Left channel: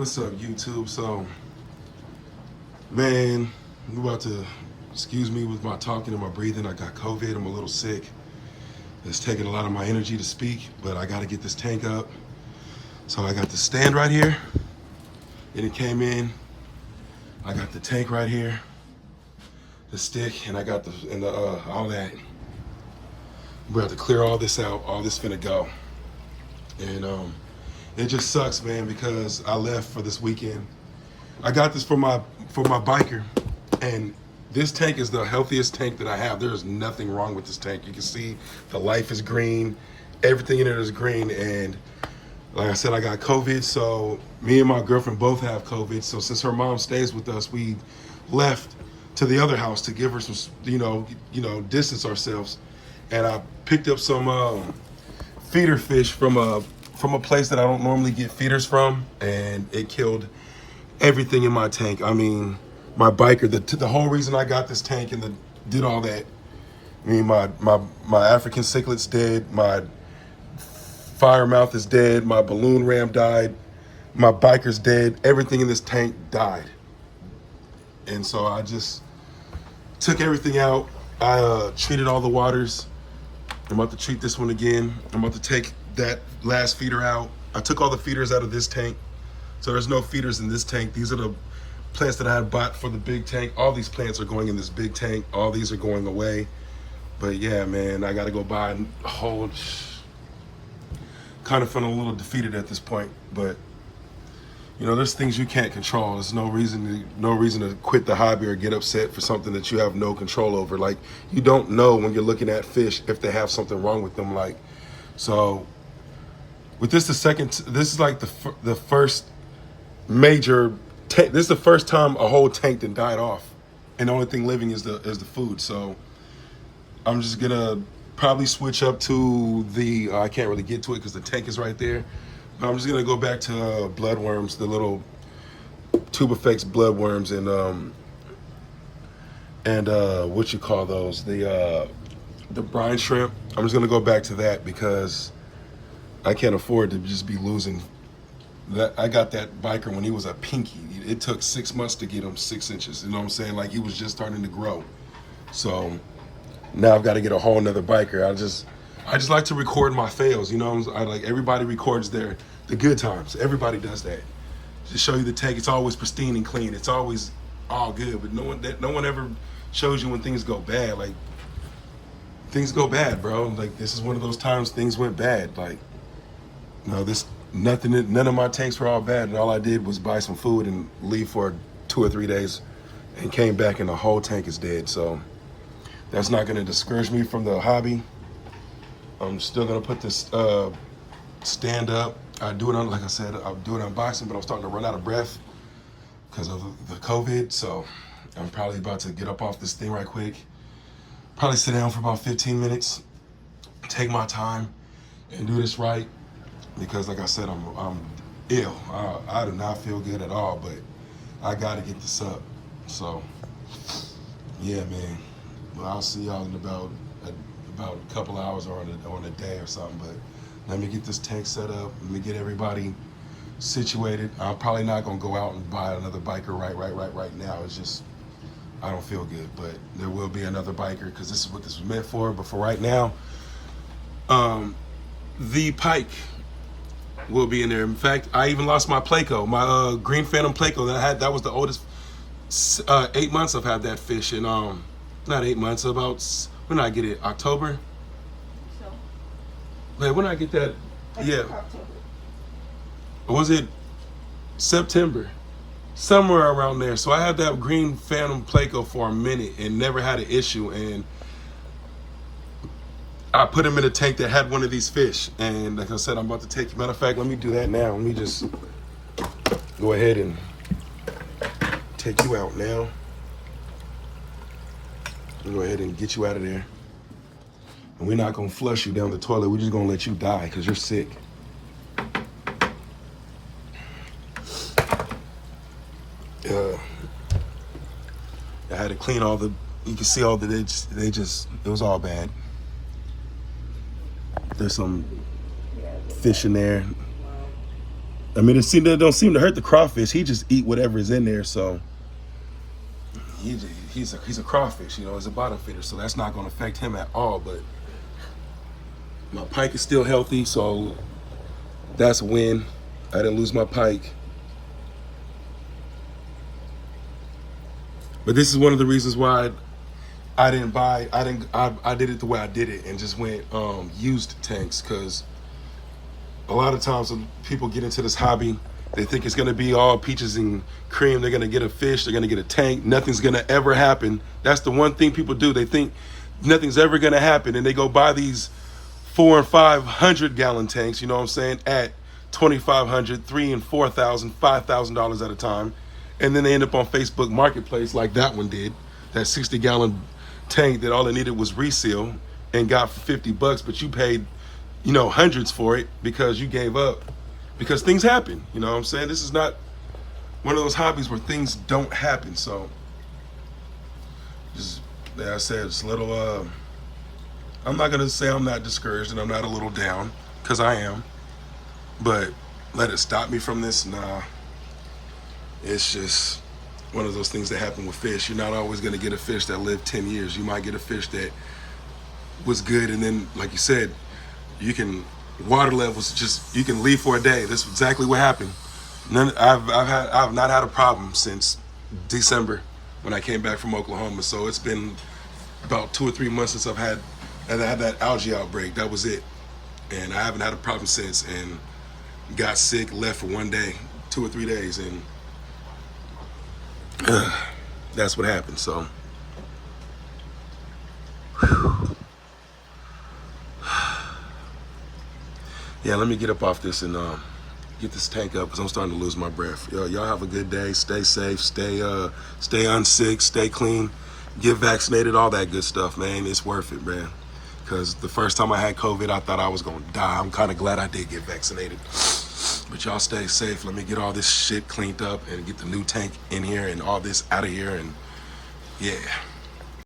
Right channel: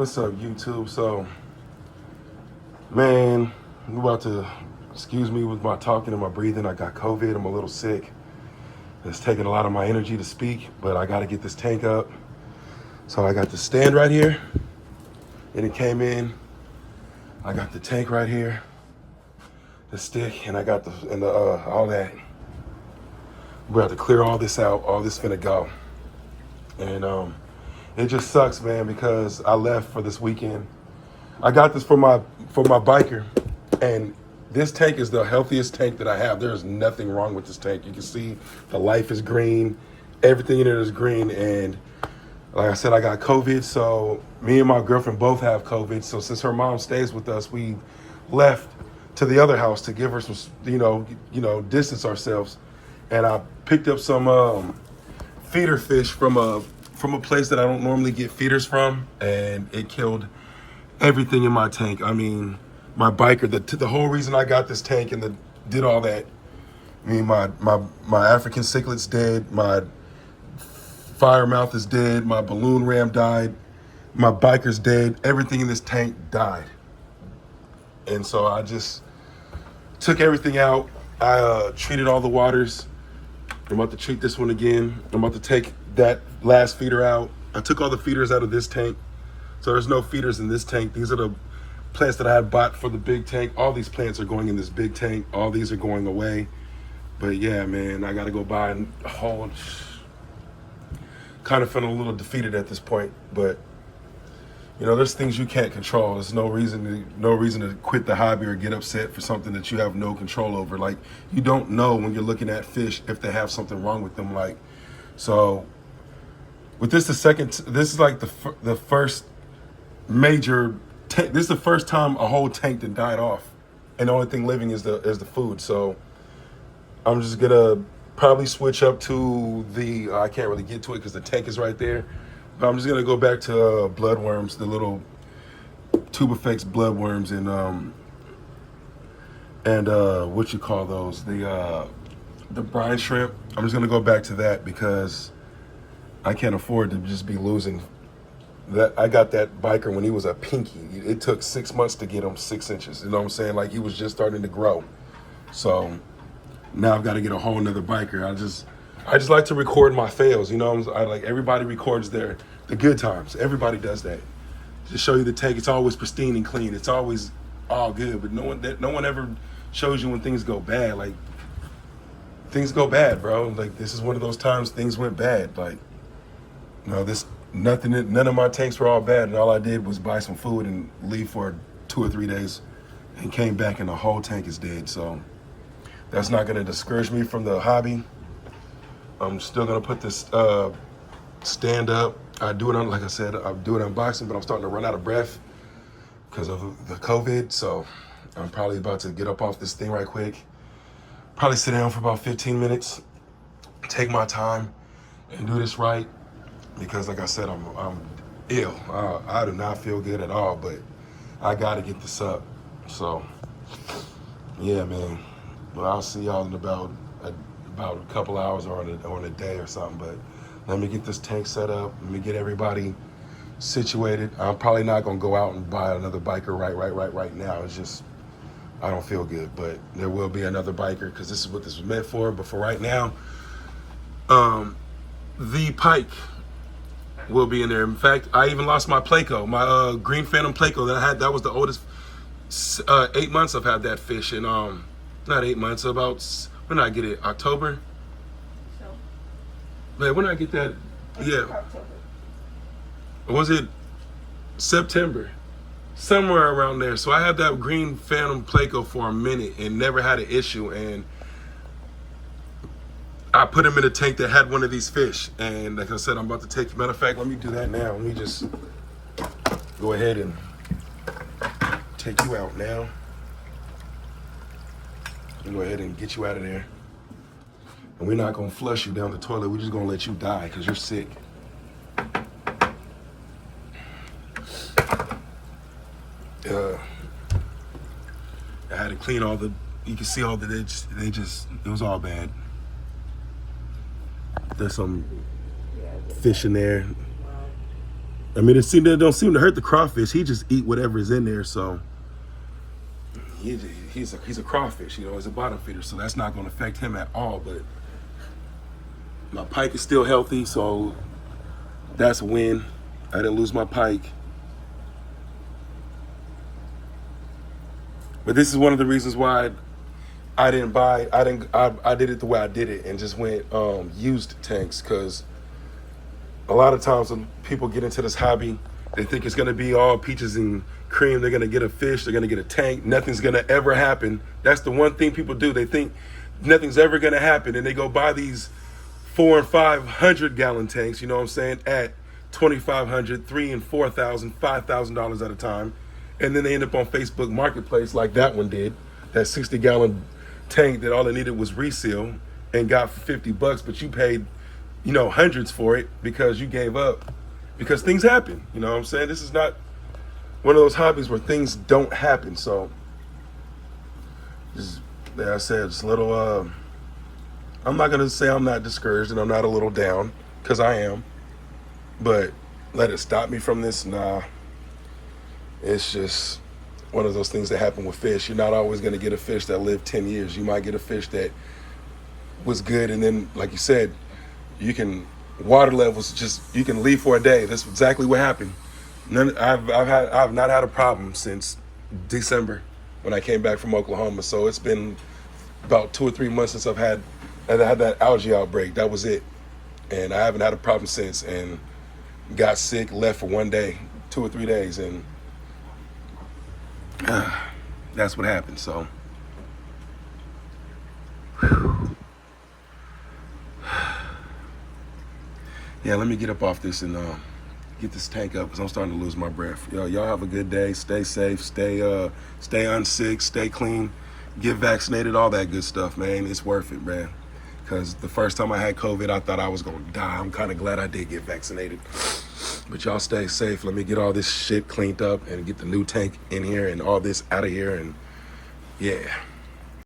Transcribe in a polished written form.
What's up, YouTube? So, man, I'm about to, excuse me with my talking and my breathing. I got COVID. I'm a little sick. It's taking a lot of my energy to speak, but I got to get this tank up. So I got the stand right here, and it came in. I got the tank right here, the stick, and I got all that. We're about to clear all this out. All this finna go, and it just sucks, man, because I left for this weekend. I got this for my biker, and this tank is the healthiest tank that I have. There is nothing wrong with this tank. You can see the life is green, everything in it is green, and like I said, I got COVID, so me and my girlfriend both have COVID. So since her mom stays with us, we left to the other house to give her some, distance ourselves. And I picked up some feeder fish from a place that I don't normally get feeders from, and it killed everything in my tank. I mean, my biker, the whole reason I got this tank and did all that. I mean, my African cichlids dead, my fire mouth is dead, my balloon ram died, my biker's dead, everything in this tank died. And so I just took everything out. I treated all the waters. I'm about to treat this one again. I'm about to take that last feeder out. I took all the feeders out of this tank. So there's no feeders in this tank. These are the plants that I had bought for the big tank. All these plants are going in this big tank. All these are going away. But yeah, man, I gotta go buy a whole, kind of feeling a little defeated at this point. But there's things you can't control. There's no reason to quit the hobby or get upset for something that you have no control over. Like, you don't know when you're looking at fish if they have something wrong with them. Like, so with this, this is like the first major tank. This is the first time a whole tank that died off, and the only thing living is the food. So I'm just gonna probably switch up to the I can't really get to it because the tank is right there. But I'm just gonna go back to bloodworms, the little tubifex bloodworms, and what you call those, the brine shrimp. I'm just gonna go back to that because I can't afford to just be losing that. I got that biker when he was a pinky. It took 6 months to get him 6 inches. You know what I'm saying? Like, he was just starting to grow. So now I've got to get a whole nother biker. I just like to record my fails. I like, everybody records the good times. Everybody does that. To show you the tank, it's always pristine and clean. It's always all good. But no one ever shows you when things go bad. Like, things go bad, bro. Like, this is one of those times things went bad. Like, none of my tanks were all bad, and all I did was buy some food and leave for 2 or 3 days, and came back and the whole tank is dead. So that's not gonna discourage me from the hobby. I'm still gonna put this stand up. I do it on, like I said, I'll do it unboxing, but I'm starting to run out of breath because of the COVID. So I'm probably about to get up off this thing right quick. Probably sit down for about 15 minutes, take my time, and do this right. Because like I said, I'm ill. I do not feel good at all, but I gotta get this up. So yeah, man. Well, I'll see y'all in about a couple hours or on a day or something. But let me get this tank set up. Let me get everybody situated. I'm probably not gonna go out and buy another biker right now. It's just, I don't feel good, but there will be another biker because this is what this was meant for. But for right now, the pike will be in there. In fact, I even lost my Placo, my green phantom Placo that I had. That was the oldest. 8 months I've had that fish, and not 8 months, about, when did I get it? October? So. Man, when did I get that? Yeah. October. Was it September? Somewhere around there. So I had that green phantom Placo for a minute and never had an issue, and I put him in a tank that had one of these fish. And like I said, I'm about to take, matter of fact, let me do that now. Let me just go ahead and take you out now. We'll go ahead and get you out of there. And we're not gonna flush you down the toilet. We're just gonna let you die because you're sick. I had to clean all the, you can see all the, it was all bad. There's some fish in there. I mean, it don't seem to hurt the crawfish. He just eat whatever is in there. So he's a crawfish, you know, he's a bottom feeder. So that's not going to affect him at all. But my pike is still healthy, so that's a win. I didn't lose my pike. But this is one of the reasons why I did it the way I did it and just went used tanks, because a lot of times when people get into this hobby, they think it's gonna be all peaches and cream. They're gonna get a fish, they're gonna get a tank. Nothing's gonna ever happen. That's the one thing people do. They think nothing's ever gonna happen, and they go buy these 400 and 500 gallon tanks, you know what I'm saying, at $2,500, $3,000 and $4,000, $5,000 at a time. And then they end up on Facebook Marketplace like that one did, that 60 gallon tank that all it needed was reseal and got for $50, but you paid, you know, hundreds for it because you gave up, because things happen, you know what I'm saying? This is not one of those hobbies where things don't happen. So just, like I said, it's a little, I'm not gonna say I'm not discouraged and I'm not a little down, because I am, but let it stop me from this? Nah. It's just one of those things that happen with fish. You're not always going to get a fish that lived 10 years. You might get a fish that was good, and then, like you said, you can, water levels, just, you can leave for a day. That's exactly what happened. I've not had a problem since December when I came back from Oklahoma. So it's been about 2 or 3 months since I've had that algae outbreak. That was it. And I haven't had a problem since, and got sick, left for one day, 2 or 3 days, and that's what happened. So yeah, let me get up off this and get this tank up, because I'm starting to lose my breath. Y'all have a good day. Stay safe. Stay unsick. Stay clean. Get vaccinated. All that good stuff, man. It's worth it, man. Because the first time I had COVID, I thought I was gonna die. I'm kind of glad I did get vaccinated. But y'all stay safe. Let me get all this shit cleaned up and get the new tank in here and all this out of here. And yeah.